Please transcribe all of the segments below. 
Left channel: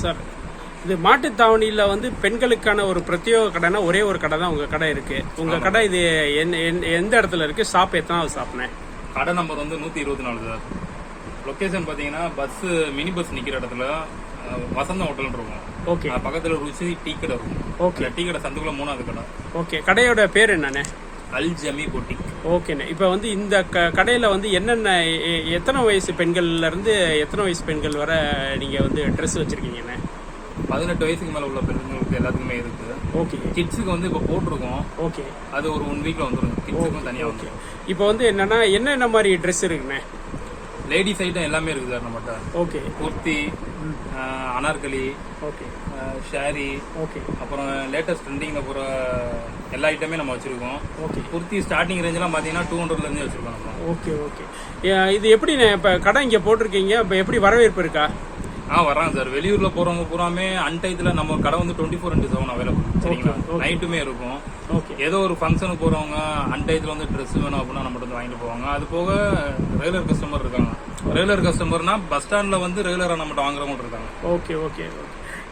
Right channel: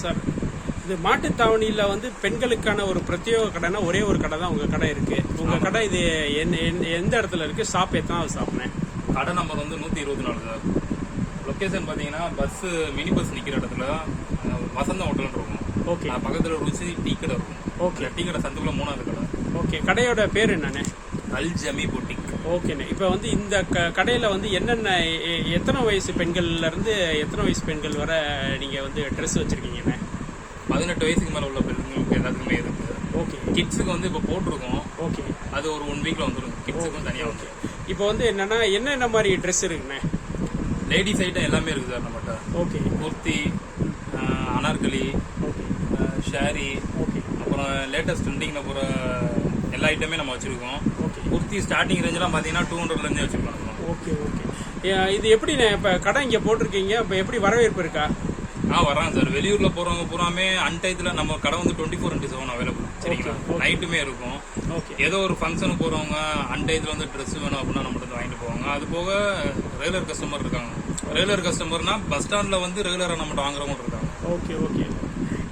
Sir. இது மாட்டுத்தாவணியில் வந்து பெண்களுக்கான ஒரு பிரத்யேக கடைனா ஒரே ஒரு கடை தான் உங்கள் கடை இருக்கு. உங்கள் கடை இது என்ன என்ன- எந்த இடத்துல இருக்கு? ஷாப் எத்தனாவது ஷாப்னேன் கடை நம்பர் வந்து நூத்தி இருபத்தி நாலு சார். லொகேஷன் பாத்தீங்கன்னா பஸ் மினி பஸ் நிக்கிற இடத்துல அஹ், வசந்தம் ஹோட்டல் இருக்கும். ஓகே அது பக்கத்துல ருசி டீ கடை இருக்கும். ஓகே டீ கடை சந்துக்குள்ள மூணாவது கடை. ஓகே கடையோட பேர் என்னண்ணே அல் ஜமி பொட்டிக் ஓகேண்ணே இப்போ வந்து இந்த க கடையில் வந்து என்னென்ன எத்தனை வயசு பெண்கள்ல இருந்து எத்தனை வயசு பெண்கள் வரை நீங்கள் வந்து ட்ரெஸ் வச்சுருக்கீங்கண்ணே பதினெட்டு வயசுக்கு மேல உள்ள பெண்களுக்கு எல்லாத்துக்குமே இருக்கு. ஓகே கிட்ஸுக்கு வந்து இப்போ போட்டிருக்கோம். ஓகே அது ஒரு ஒன் வீக்ல வந்துடும் கிட்ஸுக்கும் தனியா. ஓகே இப்போ வந்து என்னன்னா என்னென்ன மாதிரி ட்ரெஸ் இருக்குண்ணே? லேடிஸ் ஐட்டம் எல்லாமே இருக்கு சார் நம்மகிட்ட. Okay kurti anarkali okay sari okay அப்புறம் லேட்டஸ்ட் ட்ரெண்டிங்ல போற எல்லா ஐட்டமே நம்ம வச்சிருக்கோம். ஓகே குர்த்தி ஸ்டார்டிங் ரேஞ்செல்லாம் பாத்தீங்கன்னா டூ ஹண்ட்ரட்ல இருந்தே வச்சிருக்கோம் நம்ம. ஓகே ஓகே இது எப்படிண்ணே இப்போ கடை இங்கே போட்டிருக்கீங்க இப்போ எப்படி வரவேற்பு இருக்கா? ஆ வர்றாங்க சார். வெளியூர்ல போறவங்க பூராமே அன்டைத்துல நம்ம கடை வந்து twenty four into seven available சரிங்களா. நைட்டுமே இருக்கும். ஓகே ஏதோ ஒரு ஃபங்க்ஷனுக்கு போறவங்க அன்டைத்துல வந்து ட்ரெஸ் வேணும் அப்படின்னா நம்மகிட்ட வந்து வாங்கிட்டு போவாங்க. அது போக ரெகுலர் கஸ்டமர் இருக்காங்க. ரெகுலர் கஸ்டமர்னா பஸ் ஸ்டாண்ட்ல வந்து ரெகுலரா நம்மகிட்ட வாங்குறவங்க இருக்காங்க. ஓகே ஓகே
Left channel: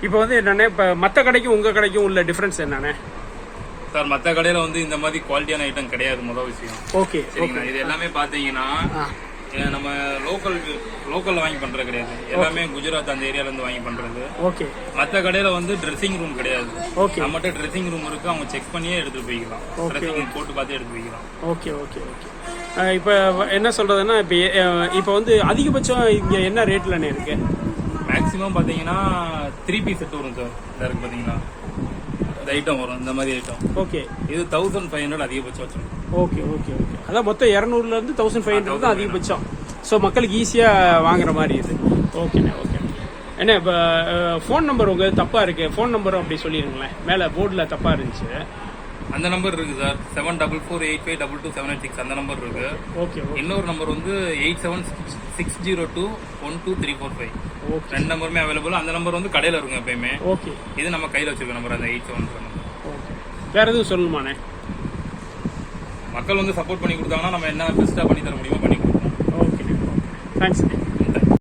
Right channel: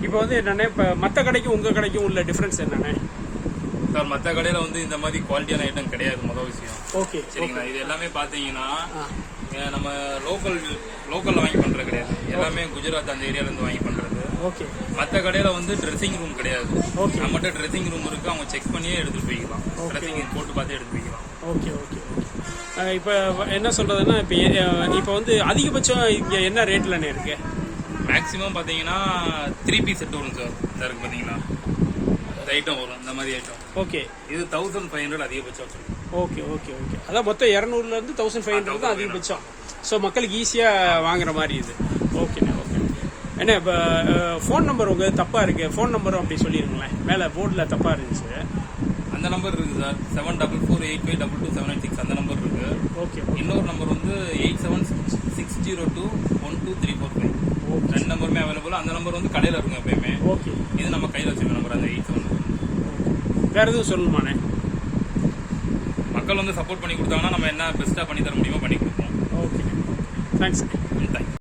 இப்போ வந்து என்னண்ணே இப்போ மற்ற கடைக்கும் உங்கள் கடைக்கும் உள்ள டிஃப்ரென்ஸ் என்னண்ணே சார் மத்த கடையில வந்து இந்த மாதிரி குவாலிட்டியான ஐட்டம் கிடையாது முதல் விஷயம். ஓகே சரிங்களா? இது எல்லாமே பாத்தீங்கன்னா நம்ம லோக்கல் லோக்கல்ல வாங்கி பண்றது கிடையாது. எல்லாமே குஜராத் அந்த ஏரியால இருந்து வாங்கி பண்றது. ஓகே மத்த கடையில வந்து ட்ரெஸ்ஸிங் ரூம் கிடையாது. ஓகே நம்மகிட்ட ட்ரெஸ்ஸிங் ரூம் இருக்கு. அவங்க செக் பண்ணியே எடுத்துட்டு போய்க்கலாம். ரூம் போட்டு பார்த்து எடுத்து போய்க்கலாம். ஓகே ஓகே ஓகே இப்போ என்ன சொல்கிறதுன்னா இப்போ இப்போ வந்து அதிகபட்சம் இங்கே என்ன ரேட்லண்ணே இருக்கு? மேக்ஸிமம் பாத்தீங்கன்னா த்ரீ பீஸ் செட் வரும் சார் இந்த இருக்கு பாத்தீங்களா இந்த ஐட்டம் வரும் இந்த மாதிரி ஐட்டம் ஓகே இது தௌசண்ட் ஃபைவ் ஹண்ட்ரட் அதிகபட்சம். வச்சிருக்கோம் ஓகே ஓகே ஓகே அதான் மொத்தம் இரநூறுலேருந்து தௌசண்ட் ஃபைவ் ஹண்ட்ரட் தான் அதிகபட்சம். ஸோ மக்களுக்கு ஈஸியாக வாங்குற மாதிரி இது. ஓகேண்ணே ஓகே என்ன இப்போ ஃபோன் நம்பர் உங்கள் தப்பாக இருக்கு. ஃபோன் நம்பரும் அப்படி சொல்லிடுங்களேன் மேலே போர்டில் தப்பாக இருந்துச்சு. அந்த நம்பர் இருக்கு sir seven double four eight five double two seven eight six அந்த நம்பர் இருக்கு. ஓகே இன்னொரு நம்பர் வந்து eight seven six zero two one two three four five ரெண்டு நம்பருமே அவைலபிள் அந்த நம்பர் வந்து கடையில் இருக்கும் எப்பயுமே. ஓகே இது நம்ம கையில் வச்சிருக்க நம்பர் அந்த எயிட் செவன் ஓகே வேறு எதுவும் சொல்லணுமாண்ணே? மக்கள் வந்து சப்போர்ட் பண்ணி கொடுத்தாங்கன்னா நம்ம என்ன பெஸ்ட்டாக பண்ணி தர முடியுமோ பண்ணி கொடுப்போம். Okay okay thanks